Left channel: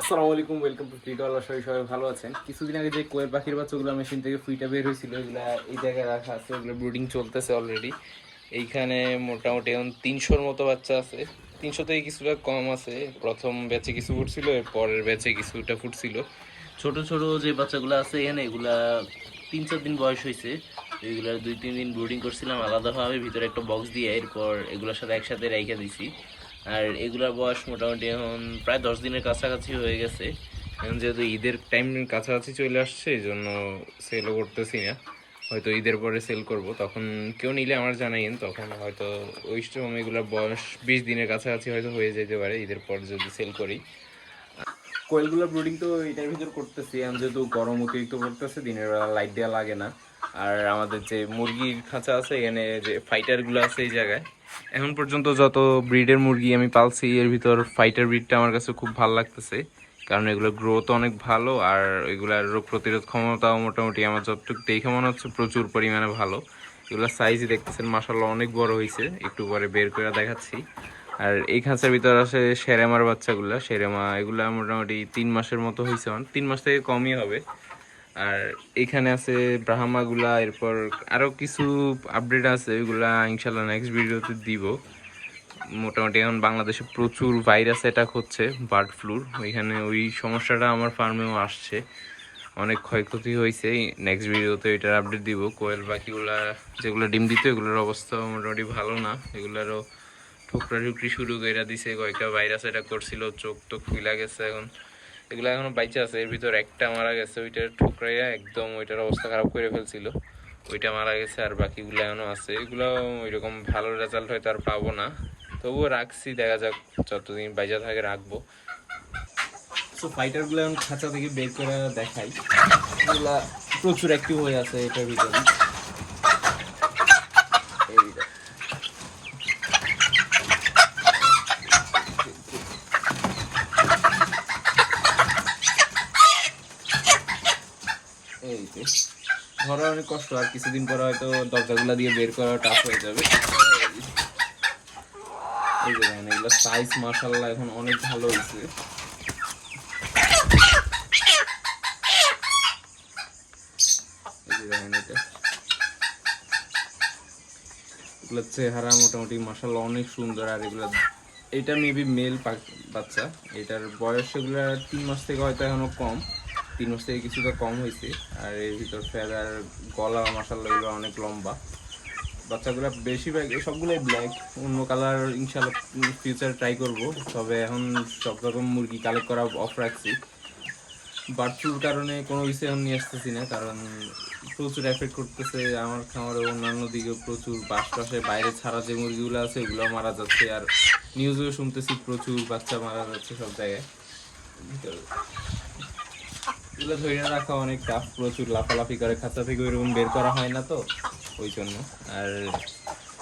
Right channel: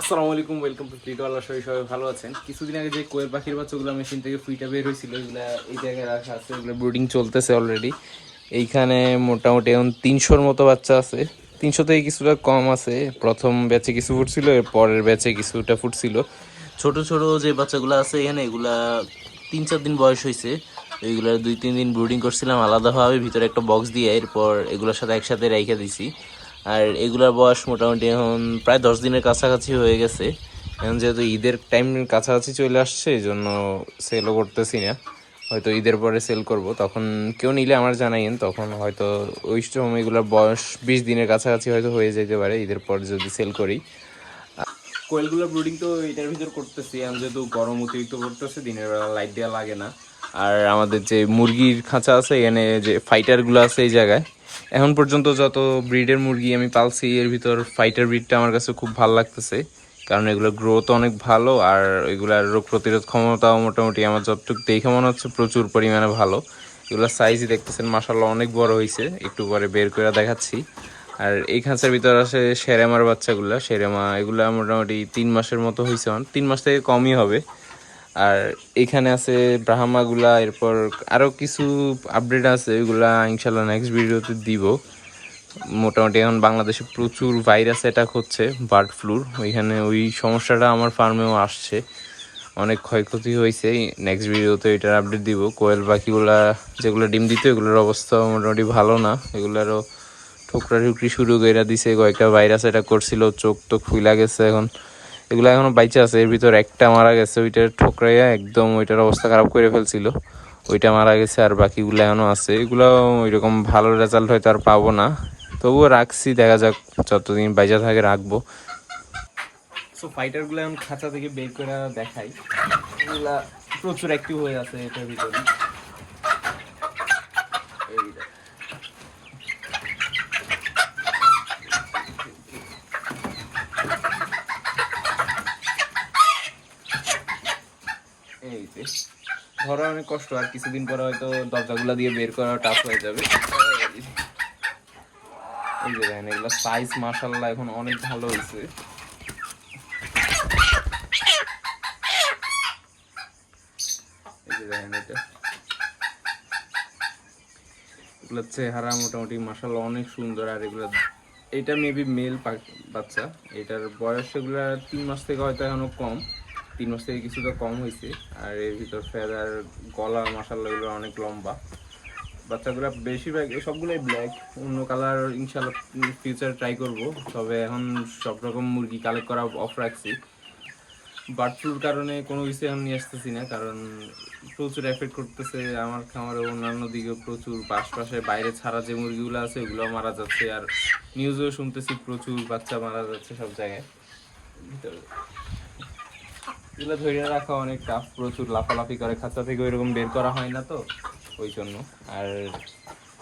আসসালামু আলাইকুম, welcome to ফ্লিটওয়ালা। সবাই ভালো আছেন? কিছুদিন আগে যে কোয়েল পাখির বাচ্চাগুলো মেশিন থেকে ফুইটা বের হয়েছিল, এগুলা এই জায়গায় রাখা আছে। এগুলো ব্রুডিং চলতেছে অলরেডি। এইখানে মোটামুটি এখন 300-র মতো বাচ্চা আছে। 300 থেকে কিছুটা কম আছে। প্রথম ব্যাচে কিছু ফুটছিল, এর পরের ব্যাচে কিছুটা ফুটছিল। ছোট ছোট যে বাচ্চাগুলো আছে এখানে, এগুলা 3-4 দিন বয়স হয়েছে। এইগুলা 2-3 দিন ব্রুডিং করছিলাম আলাদাভাবে, ভিতরে একটা বক্স দিয়ে। এরপর এগুলোর সাথে একসাথে রেখে দিছি। আর এগুলার বয়স মোটামুটি এখন প্রায় 10 দিনের কাছাকাছি হয়ে গেছে। এখন যেহেতু ঈদের টাইম কাছাকাছি চলে আসছে, এই জন্য সেলও করতেছি না। হয়তো ঈদের পরে সেল করব, তখন কেউ নিলে আমার জানাইন। তখন হয়তো ওই সময় এগুলোর বয়স 20 দিনের কাছাকাছি হয়তো হয়ে যেতে পারে ঈদের পর যদি সেল করি। কোয়েলগুলো ব্রুডিং তো এটার ভিতর করতেছি। আমি যেহেতু গরম অতিরিক্ত পড়তেছে, দিনের বেলা লাইট দেওয়া লাগে না। আর আমাদের যে মুরগির খাঁচা আছে এখানে, যে ফাইটারগুলো আছে এই জায়গায়, এখন পর্যন্ত যত ব্রিডের মুরগি আমি পালছি এর ভিতর ফাইটার ব্রিডটা আমার কাছে খুব ভালো লাগতেছে। কারণ এগুলোর গ্রোথ অনেক ভালো, আর এগুলার রোগ প্রতিরোধ ক্ষমতাও মোটামুটি আমার যতটুকু দেখে মনে হচ্ছে প্রচুর পরিমাণে ভালো। এগুলোর সাইজই দেখতেছেন মাশাআল্লাহ অনেক বড় হয়েছে, একটু পরে বের করে দেখাচ্ছি। আর এই খাঁচার ভিতর আছে সেরেমার বাচ্চাগুলা। সেরেমা এগুলা মোটামুটি 3 মাসের মতো হয়েছে, 3 মাস থেকে কমই হবে। আর এখানে আছে ব্রাহ্মাগুলা। এরপর আরও কিছু আপডেট আছে, এগুলা ইনশাল্লাহ নেক্সট ভিডিওতে দিব। মোটামুটি এখন বাংলাদেশে প্রচুর ভাইরাস অ্যাটাক হচ্ছে, বার্ড ফ্লুর। ওইখানে ওই সমস্যাটা আমার ফার্মেও আসছে, অনেক ক্ষয়ক্ষতি হয়েছে। নেক্সট ভিডিওতে এটার আপডেট দিব। কোয়েল পাখিগুলা যেগুলো ডিম দিত এগুলোর অবস্থা মোটামুটি ভালো না। এগুলারও ঠোকরা ঠুকরি শুরু করে দিছে, কয়েকটা ভাইরাস অ্যাটাক করছিল, চোখ টোক ফুলা গেছে। এখন এগুলো এখনো বাইচে আছে, এর ভিতর একটা মারা গেছে, ওইটার ঠোকরাইয়া একদম ওইটার অবস্থা খারাপ করে ফেলছিল, ওইটা মারা গেছে। আর বাকিগুলো এখনো আছে। এগুলো ওইরকম ভালো রেজাল্ট হয়তো আর পাবো না, তবুও রাখছি, দেখা যাক যতদিন বাইচা থাকে রাখবো। সো ফাইটারগুলো এখন খাঁচা থেকে বের করে দেখাই। এগুলা প্রচুর অ্যাক্টিভ হয়ে আছে এটার ভিতরে। এই যে ধরা অনেক কষ্ট, আর কিছুদিন পরে হয়তো দরজাগুলা দিয়ে বের করা টাফ হয়ে যাবে। এই যে দেখেন, এগুলো সাইজ মাশাআল্লাহ এখন অনেক ভালো হয়েছে। এই যে দেখেন, এগুলোর চেহারা মোটামুটি মাশাআল্লাহ অনেক সুন্দর। আর এগুলো, এটা মেবি মেল বাচ্চা। এটার বয়স এগুলো 3 মাস থেকে হয়তো এখনো কম, 3 মাস থেকে কিছুটা কম হয়েছে। আর এর ভিতর ফেদার, গলা মাশাআল্লাহ এগুলো অনেক লম্বা। বাচ্চাগুলো বেশিরভাগ সবগুলোই ব্ল্যাক, অন্য কালার ইনশাল্লাহ ফিউচার ট্রাই করব। তবে এখন সব রকম মুরগি কালেক্ট করা অফ রাখছি। বার্ড ফ্লুর কারণে কোনো কিছু এখন নিয়ে আসতেছি না, কারণ প্রচুর এফেক্ট করতেছে আমার খামারে, অন্যান্য দিকেও প্রচুর। আশপাশে বাইরে ছাড়া যে মুরগিগুলো আছে ওগুলো মারা যাচ্ছে। আর নিউজেও শুনতেছি প্রচুর বাচ্চা মারা যাচ্ছে সব জায়গায়। এগুলো ধরে রাখা অনেক টাফ, প্রচুর লাফালাফি করে, খাঁচা থেকে ওইরকম বের করা হয় না তো, ওই জন্য। আর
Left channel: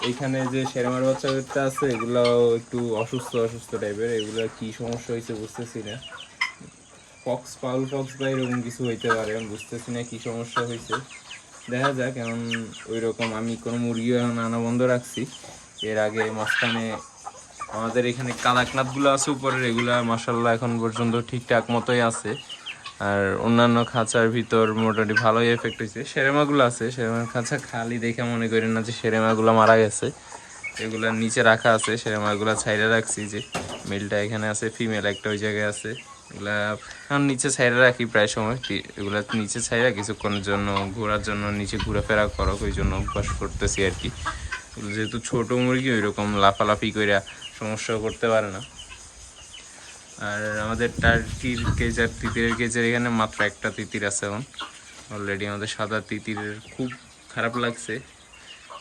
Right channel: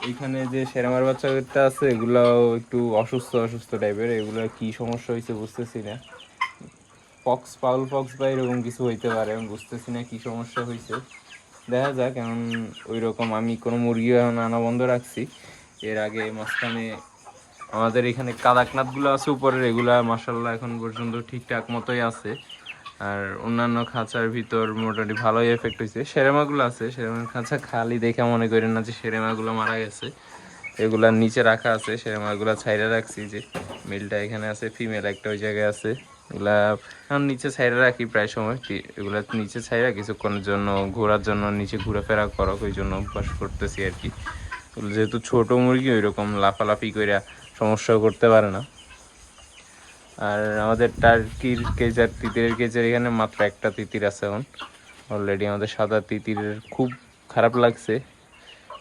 এইখানে যে সেরেমার বাচ্চাটা আছে এগুলাও একটু অসুস্থ অসুস্থ টাইপের। এগুলো কি সমস্যা হয়েছে বুঝতেছি না, পাউল পক্স বা এরকম কিছু হইতে পারে, আমি বুঝতেছি না কি সমস্যা হয়েছে। দেখা যাক। এখন ওই রকম আমি কোনো মুরগি এখন আনা বন্ধ রাখছি। এর আগে মাঝখানে আমাদের এখানে কাদাকনাথগুলো আছে উপরের, এগুলা মাসাল্লাহ এখন পর্যন্ত ঠিকঠাক মতোই আছে। আর অন্যান্য খাঁচার ভিতর মোটামুটি ভালোই এফেক্ট হয়েছে। সেরেমাগুলো আছে, সেরেমার খাঁচা খালি দেখে মনে করেন না যে সেরেমাগুলো মারা গেছে। এগুলার নিচে রাখা আছে, সেরেমাগুলো ছাইড়া রাখছি। যে মেলটা এখানে আছে, ফিমেল একটা ওই জায়গায় আছে। এগুলা এখন নিচে ছাইড়া রাখি প্রায় সময়। এগুলা নিচে ছাইড়া কিছুক্ষণের জন্য ঘোরার জন্য, নিচে ঘোরাফেরা করো, ওই জন্য অভ্যাস করতেছি আর কি। যেহেতু ছোট মুরগি ওইরকম লাফালাফি করে সমস্যাও করতে পারে না। আর আমাদের টার্কির কেজার, তিতিরের কেজার এখানে মাত্র একটা তিতির আছে এখন অলরেডি। আমাদের সাদা তিতিরের খুব খারাপ লাগছে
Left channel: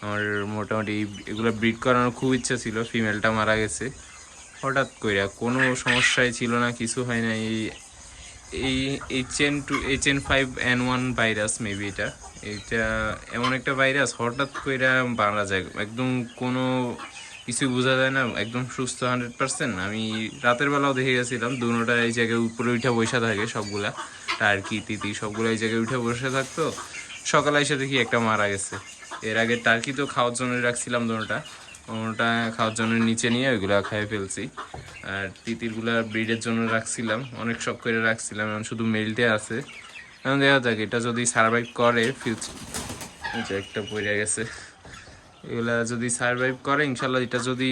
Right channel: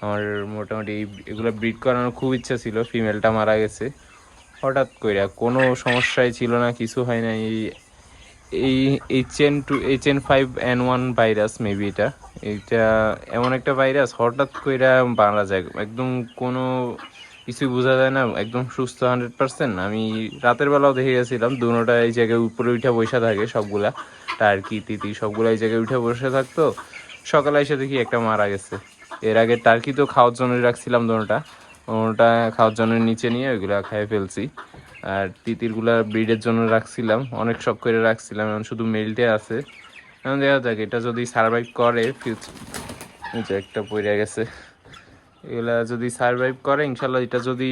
আমার। মোটামুটি এগুলো ব্রিড করানোর খুব ইচ্ছা ছিল, ফিমেলটা মারা গেছে হঠাৎ করে, কোনো সমস্যাই ছিল না, কিছু হয় না। এই HN5N1 ভাইরাস মেবি এটা এমন একটা ভাইরাস, হঠাৎ করে মারা যায়, একদম কোনো কিছুই বোঝা যায় না, একদম সুস্থ 100%। আমি রাতের বেলাও দেখে গেছিলাম, দুটোটা এই জায়গায় উপরে উঠে বসে থাকে সবগুলা, টার্কি তিতি সবগুলো এই জায়গায় উঠে বসে থাকতো। সকালে এসে দেখি একটা মারা গেছে। এর আগে টার্কি তো খাওয়ার জন্য রাখছিলাম দুটোটা, ওটা খাওয়ার জন্য নিচে নিয়ে ওইগুলা খেয়ে ফেলছি। আর তিতিরগুলা ব্রিডের জন্য রাখছিলাম, অনেক শখ করে রাখছিলাম, এখন শুধু মেলটে আছে। এখন দেখা যাক এটা যদি সার্ভাইভ করে ফিউচার, যে একটা পড়ে গেছে, এগুলা যদি সার্ভাইভ করে ইনশাল্লাহ, এটা যদি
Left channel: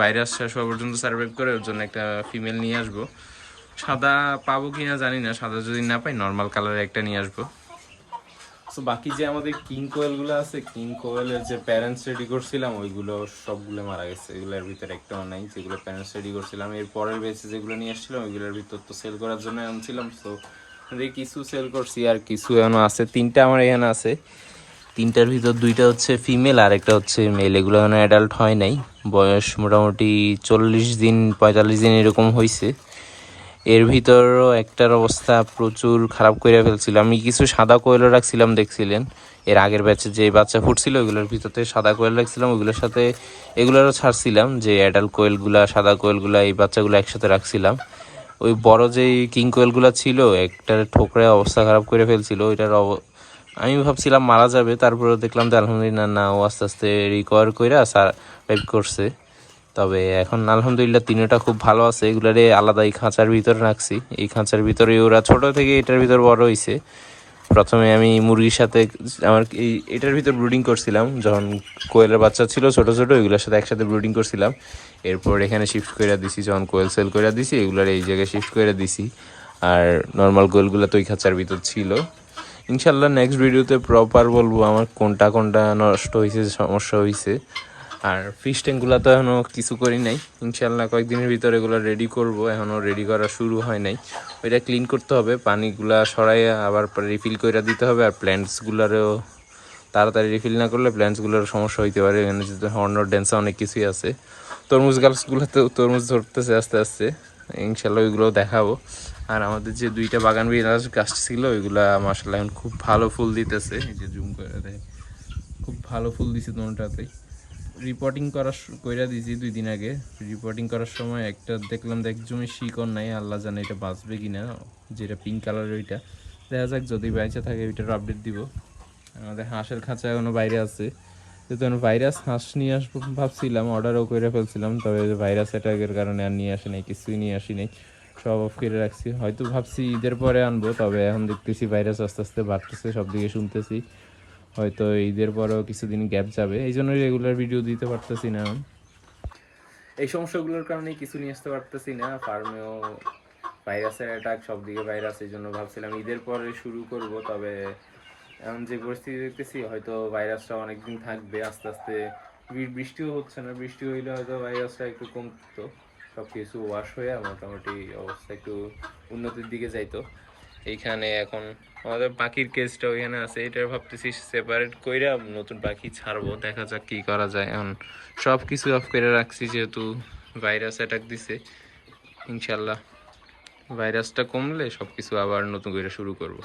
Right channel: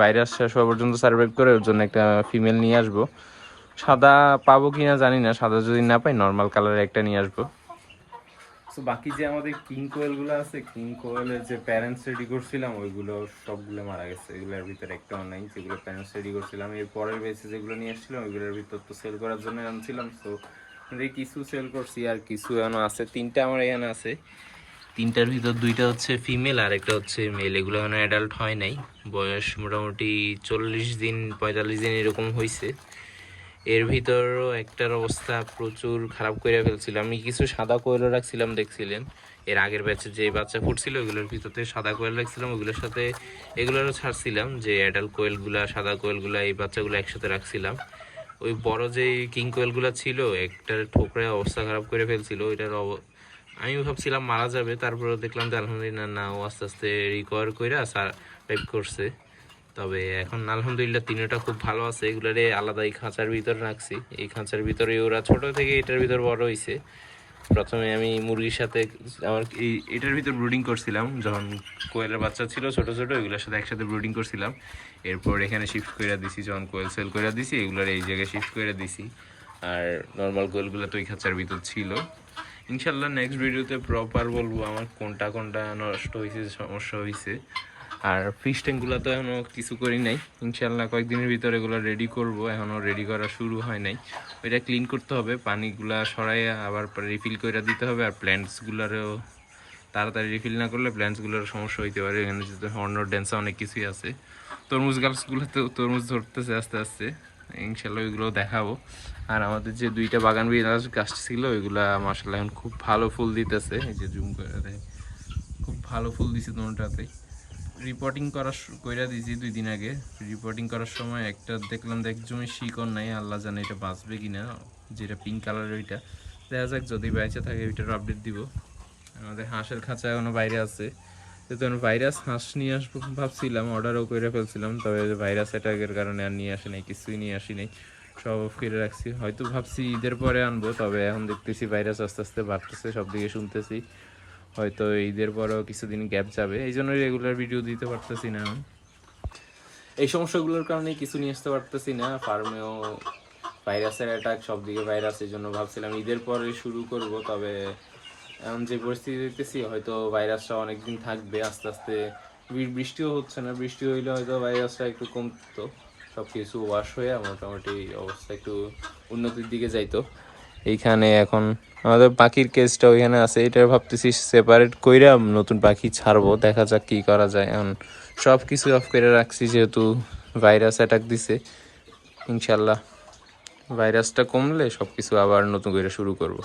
ভাইরাস শেষ হওয়া পর্যন্ত সার্ভাইভ করে ওর জন্য একটা ফিমেল নিয়ে আসবো। সাদা পাবো কিনা জানি না, সাদা যদি না পাই নর্মাল কালারের একটা নিয়ে আসবো। তো বাকি যে আমাদের কিং কোয়েলগুলো আছে, কিং কোয়েলের যে প্যারেন্টস রেডি করছিলাম ওইগুলো সবগুলো মারা গেছে, এগুলোর ভিতরে একটাও নাই যেগুলো প্যারেন্টস রেডি করছিলাম। এর পরের বেচে যেগুলো নিয়ে আসছিলাম ওইগুলোর ভিতর তো সেল করার জন্য আনছিলাম, তো কিছু সেল করছি আর কিছু এখনো আছে। 3টা আমার এখানে আছে, 3টার ভিতর 2টা হচ্ছে ফিমেল আর একটা হচ্ছে মেল। এগুলো এখনো অ্যাডাল্ট হয় নাই, বয়স মোটামুটি 40 দিন 45 দিন এরকম হয়েছে। এর ভিতরও একটার অবস্থা প্রচুর খারাপ করে ফেলছিল। আমি কিছু সাদা কোয়েলও রাখছিলাম, দেখছিলেন এর আগের ব্যাচে যে বাচ্চা ফুটছিল ওইগুলোর ভিতরে সাদা কোয়েল রাখছিলাম, ওইগুলোর সাথে এগুলোরও ছাড়ছিলাম, যে অ্যাডাল্ট কোয়েলগুলা সাদা কোয়েলগুলা এই বাচ্চাগুলো একসাথে রাখছিলাম। ওই বড় যে কিং কোয়েলগুলো ছিল একটার ঠোকরে অবস্থা খারাপ করে ফেলছিল, ওইটার আমি ভাবছিলাম মারা যাবে, তারপরে দেখলাম যে আলহামদুলিল্লাহ না, ও আস্তে আস্তে রিকভার করে সার্ভাইভ করছে। তবে এখন আলহামদুলিল্লাহ 3টা খুব ভালো আছে। এগুলারে আলাদা এই খাঁচার ভিতরে রাখছি, এই খাঁচার ভিতরে ওরা ছোট থেকে এটার ভিতর বড় হয়েছে। প্রথমে আমি মুরগির সাথে আমার এটার ভিতর ব্রুডিং করছিলাম, যখন কোয়েলের বাচ্চা ছিল ছোট ছোট ওইগুলোর সাথে একসাথে ব্রুডিং করছিলাম। এরপর এখানে শিফট করে দিছি, যখন কোয়েল সেল করে দিছি এগুলার এই জায়গায় শিফট করে দিছি। আর নর্মাল কোয়েলগুলো তো ওই খাঁচার ভিতর ছিল। ইনশাল্লাহ নেক্সট ভিডিওতে প্রপার বলবো আমার কোনটা কোনটা নষ্ট হয়েছে, সমস্যা হয়েছে। আর ফিশ ট্যাঙ্কগুলো তো এখনও কিছু করি নাই, ইনশাল্লাহ কয়েকদিনের ভিতরে এগুলো রেডি করব, এখনও রেডি করা শুরু হয় নাই। ওইটা ক্লিন করতে হবে, পানিগুলা সরাইয়া আবার রিফিল করে দিতে হবে। আর প্ল্যান্টসগুলোরও তাড়াতাড়ি রিফিল না করলে প্ল্যান্টসগুলোর সমস্যা হইতে পারে, এখানে যেহেতু হর্ন ড্যান্সা অনেক কিছুই আছে। তরমুজ গাছগুলোতেও তরমুজ ধরতেছে আস্তে আস্তে, ইনশাল্লাহ ওইগুলোও দেখাবো। আর আমাদের যে 2টা বাগান বিলাস গাছ ছিল ওইগুলা মাশাআল্লাহ এখন খুব ভালো ফুল দিতেছে, এই যে জুম করে দেয়, খুব ভালো ফুল দিছে দুটাতেই। রিপোর্টিং কইরা দিয়েছি 2 দিন আগে। রিপোর্টিং করার সময় একটা দেখলাম একজমে শিকড় নাই, আল্লাহ জানে এটা বাঁচবে কিনা, যেটা পিঙ্ক কালারের ওইটা। দেখা যাক যদি বেঁচে থাকে ওইটার আপডেট দিব। আমাদের হাঁসের খাঁচা এখনো বাইরে আছে, যেহেতু ভাইরাস হাঁস নিয়ে আসবো ভাবছিলাম, অর্ডারও করে ফেলছিলাম, তবে ভাইরাস অ্যাটাকের কারণে আর নিয়ে আসি নাই, কিছুই নিয়ে আসি নাই, সব অফ করে রাখছি। হয়তো ভাবছি ঈদের পরে আনবো, তবে এখন দেখতেছি ভাইরাস আস্তে আস্তে বাড়তেছে, সব দিকে শুনতেছি, হয়তো ঈদের পরেও কিছুদিন গ্যাপ যাবে, এই জন্য রেগুলার ভিডিও দিতে পারতেছি না। এই সমস্যাগুলোর কারণে কিছু নিয়ে আসতে পারতেছি না, ফার্মেও ভাইরাসের অ্যাটাক, সব দিকে ভাইরাস, এই জন্য ভাবছিলাম ঈদের পরে শুরু করব। তবে এখন যে পরিস্থিতি দেখতেছি হয়তো ভাইরাসটা অনেকদিন থাকবে, আস্তে আস্তে বৃষ্টিও হচ্ছে না, বৃষ্টি হইলে হয়তো ভাইরাসটা একটু কমতো, সব কিছু ওয়াশ হয়ে মোটামুটি অবস্থা একটু উন্নতির দিকে যাইতো। এইখানে এখন আমাদের পাখির কেসটা ওইখানে আছে, এটা ভাবতেছি সেপারেট কইরা নতুন পাখি ছাড়বো, দেখা যাক কি করা যায়। এখন সব কিছু অফ করে রাখছি যেহেতু ভাইরাস অ্যাটাক দিছে। ইনশাল্লাহ ভাইরাসটা কমলে সব কিছু আবার নতুন করে শুরু করব।